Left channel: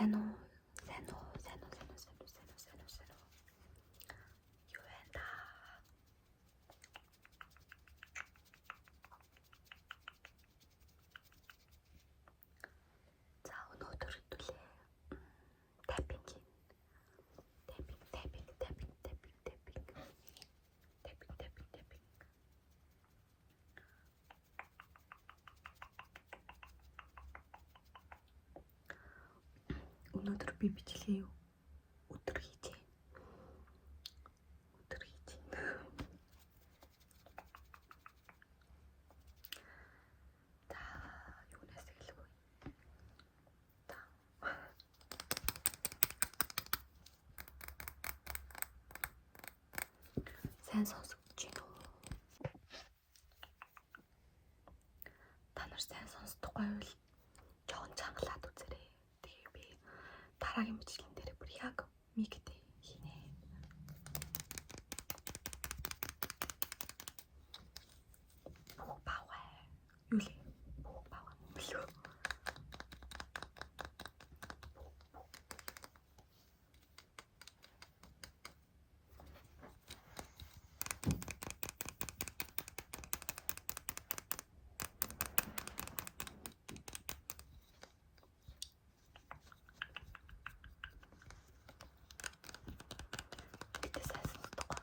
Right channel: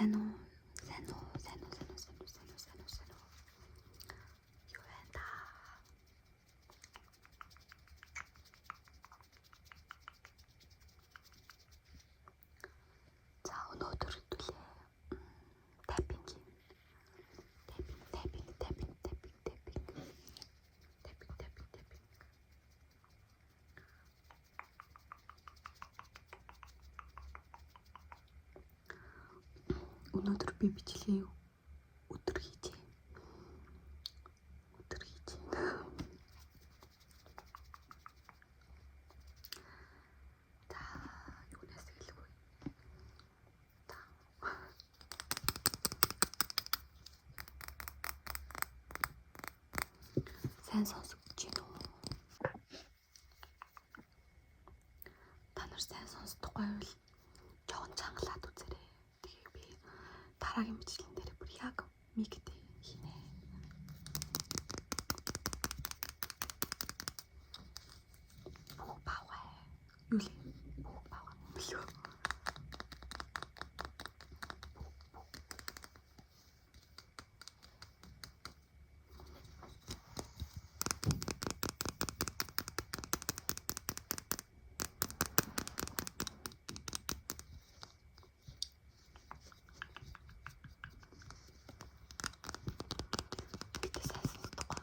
Сайн уу? Сайн уу? Сайн уу? Сайн уу? Сайн уу? Сайн уу? Сайн уу? Сайн уу? Юу вэ та? За өнөөдөр хэдүүлээ. Тайпинг хийн. Тайпинг. Өнөөдөр би бичлэгээ өдөр хийж байна. За юунаас эхлэх вэ? Сайн сонсогч байна уу? Та нар сайн сонсдоггүй бол жоохон чангалаад үзээрэй. Тэгээ би дараагийн бичлэгэн дээр бүр яг мигтэй хийнэ. Бүх баваа. Юу лээ? Бүх баваа мөлөө. Гэтэ сайн сонсдоггүй.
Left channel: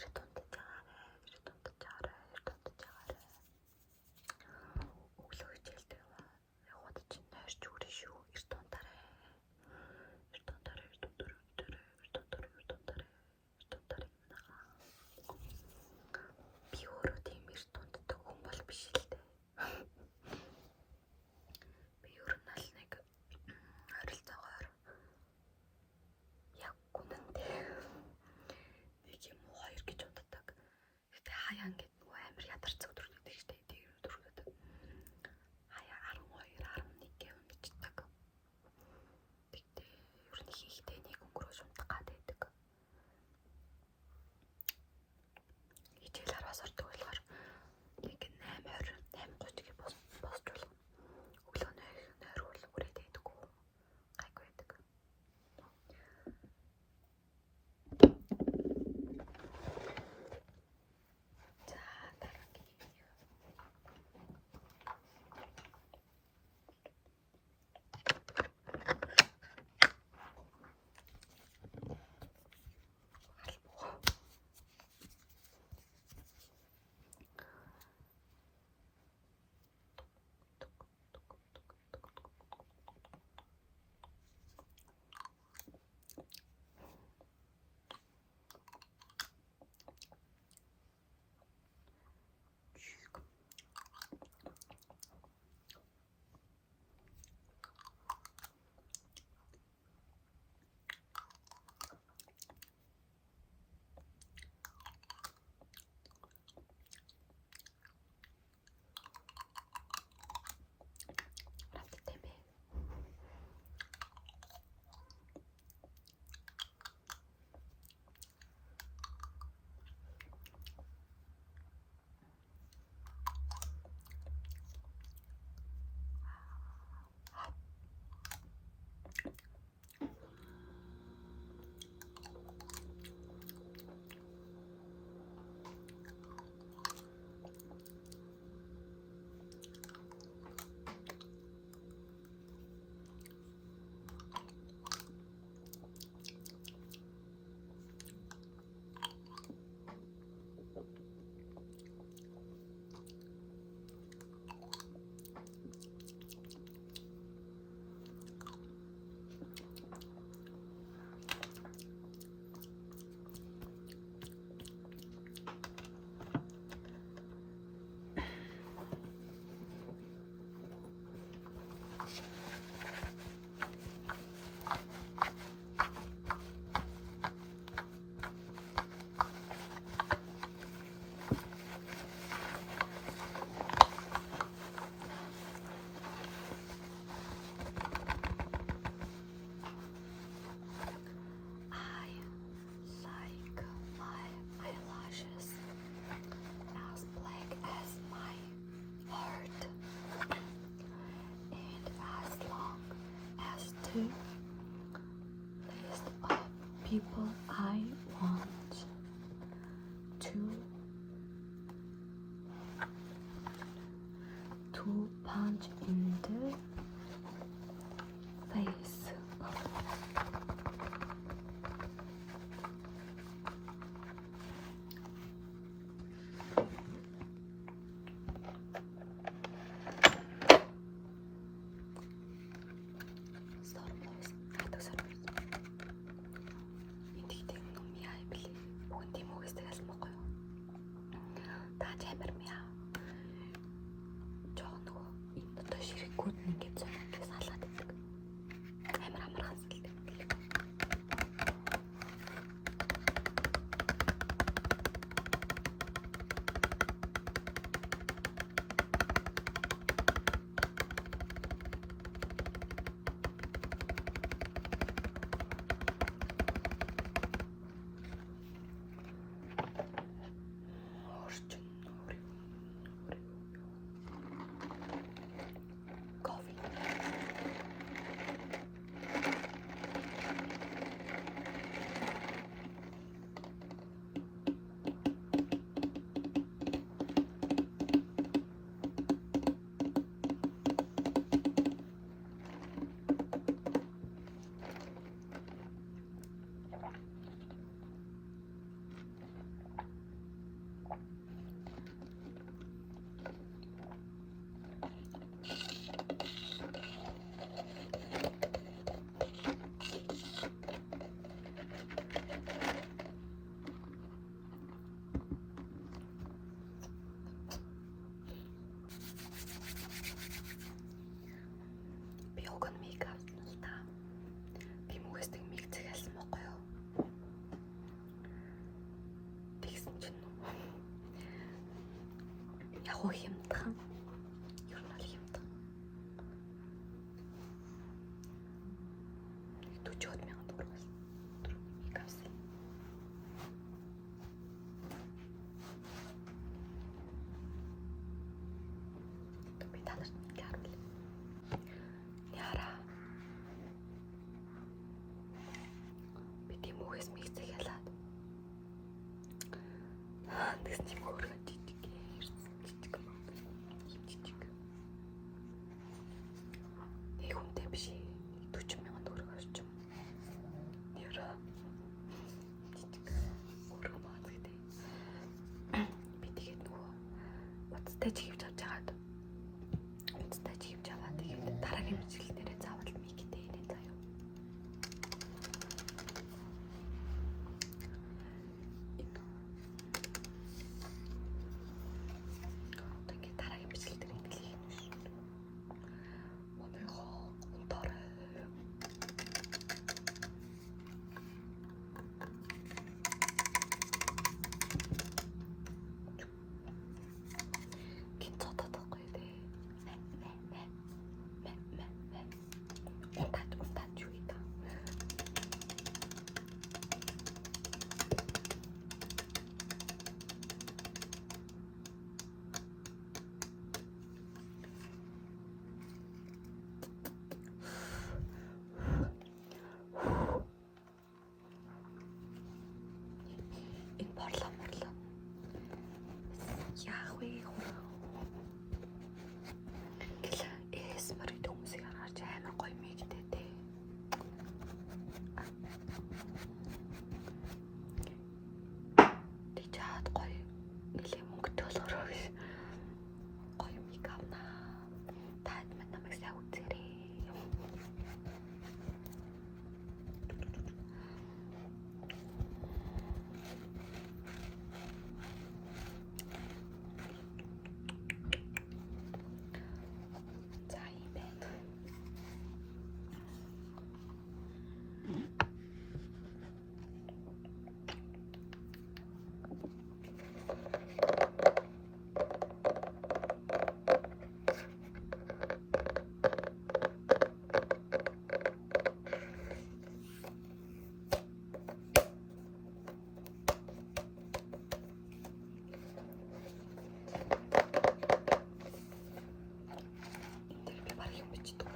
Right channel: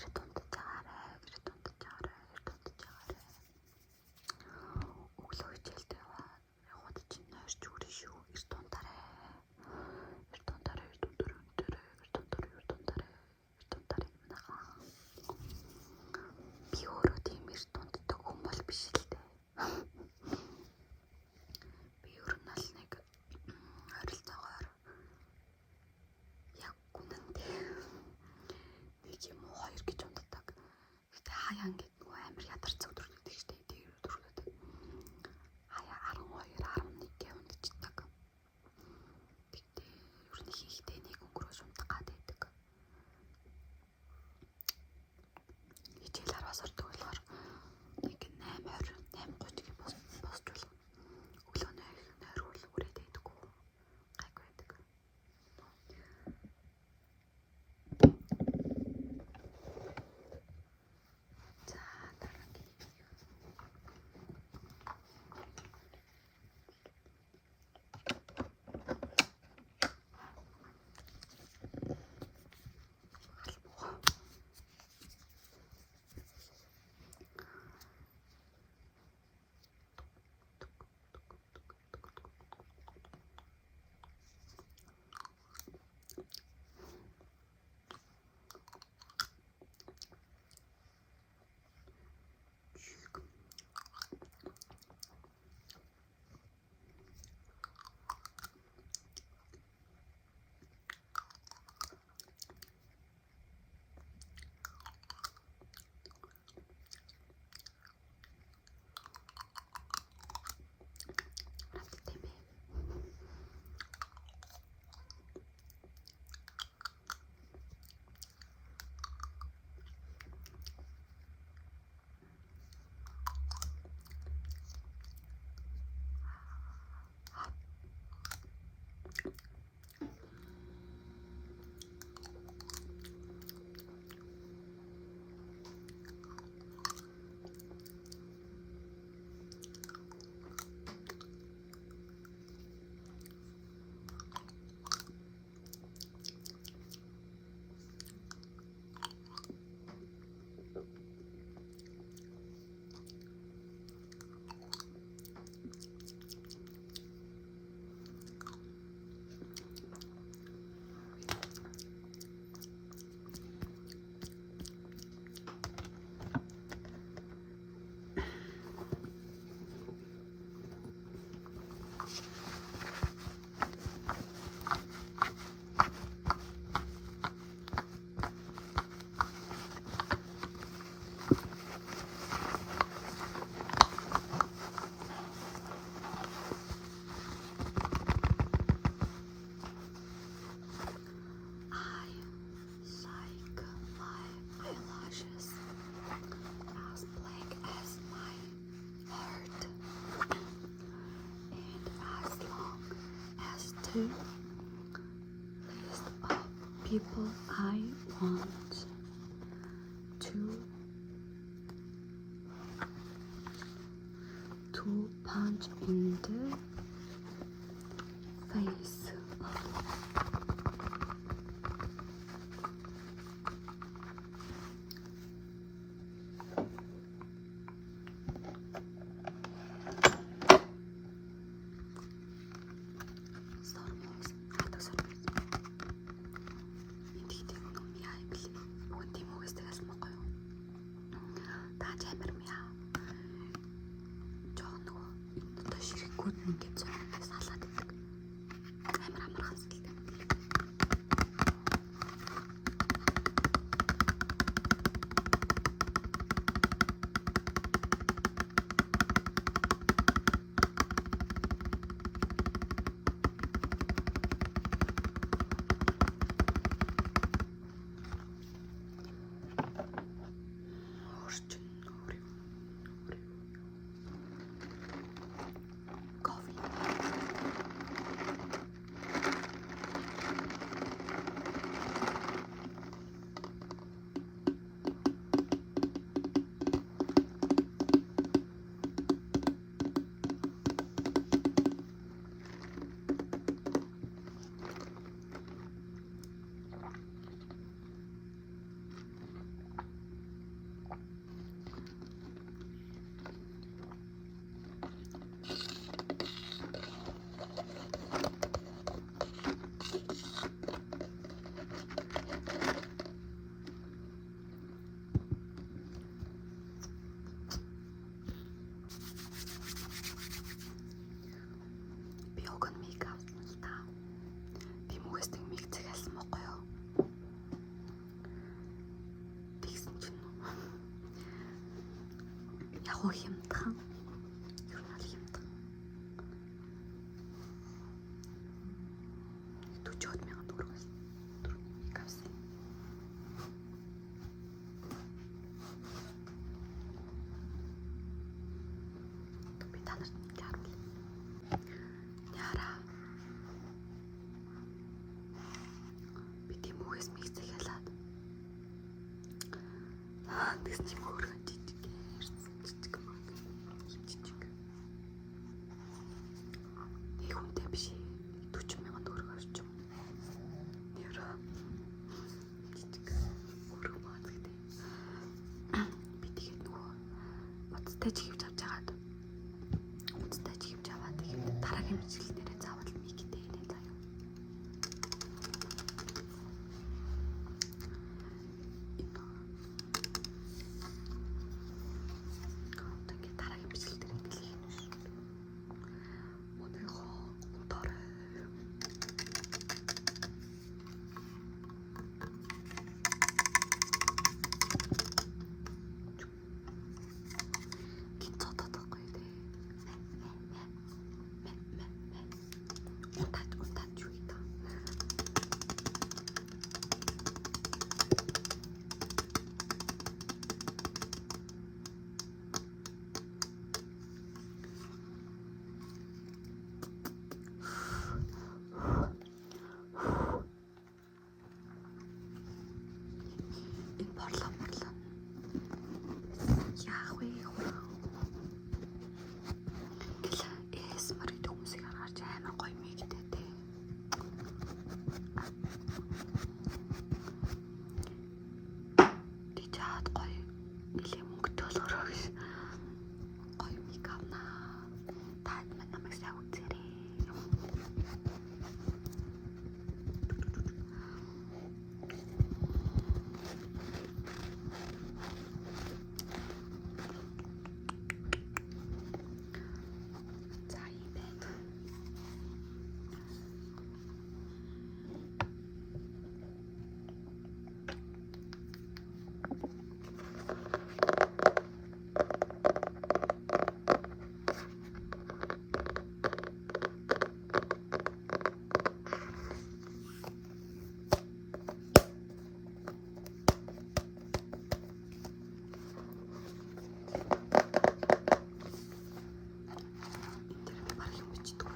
Эрт унтаж байгаарэ. Өглөө хичээлдээ яваад чинь нойрч үрэн шүү. Эрт унтаарэ. Би өөрөө тийм эрт унтдаг хүн бол биш л дээ. Би ер нь л нэг ойролцоогоор яг үнэндээ нэг юм уу хоёр гэж унтдаг. Гэтэ хаяа ингээд нөгөө амар ядарч өдөр гэдэг штэ. Тэр өдрүүдэд хаяа 12, 11 гээ унтчихдаг. Гэтэ ер нь хийхдээ нэг өнгөрөөж унтах гад байдаг. Хичээл 10-аас ордог болохоор нэг 8:20, 8:30 гээ босч болох. Өглөө нойрвол үрээд байдаггүй. Гайгүй байдаг. За дараагийн list of people I want to punch in the face. Ширхгүүд нь ингээд зургаас халаад байдаг. Амар амархан сэлдэг. Coffee. Агуу хямдхан. Ер нь бол хямдхан. 40,000 төгрөг бас. Түрүүний авсан. Би танарт нэг харуулъя. Яра. Би тийм үгээс миксэг ялаад. Тэгс чим хөөргөн жижиг ярьсан жижиг маа. Ийм жижиг. Нэг хүнтэй биш 40,000 төгрөг орчим. Яра. Жижиг хөөргөн маа гэдэг. Би тэгээд нөгөө уцтай чихвж авч байгаад. Уцтай чихвж аваад тэгээд дараагийн мэдлэгнэрээ заавал миктэй ирэн заяа. Ингээд дараагийн мэдлэг дээр ингээд хийх юм шүү. Мөнийхөө унтаарай. Гинцотод байхгүй дээ. Унтаад юу ийта. Энэ борлоо. Яах вэ хураа. Гэл эсмэр хүмүүсийг харж амар гоё мэгтэй те. Ти чад гоё нэлээ мөнгөтэй болгороо гэж. Гоё мэг авнаа. Таад мань намайг сайн үзээрэй. За юм байна. Би баг юм бичдэг.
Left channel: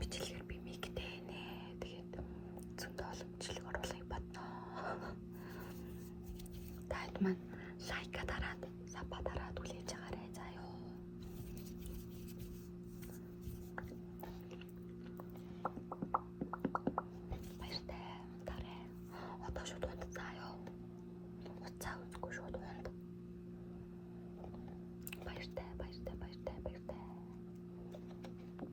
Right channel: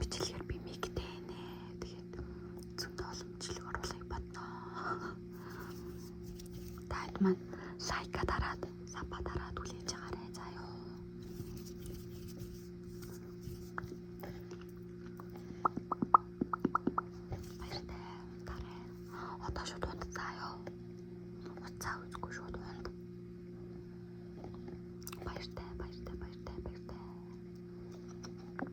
бичлэгээр би мигтэй нэ. Тэгээд зөндөө боломжлог оруулахыг бодноо. Таад маань лайка дараад, сапа дараад үлээж байгаарэ заа ёо. Одоо шууд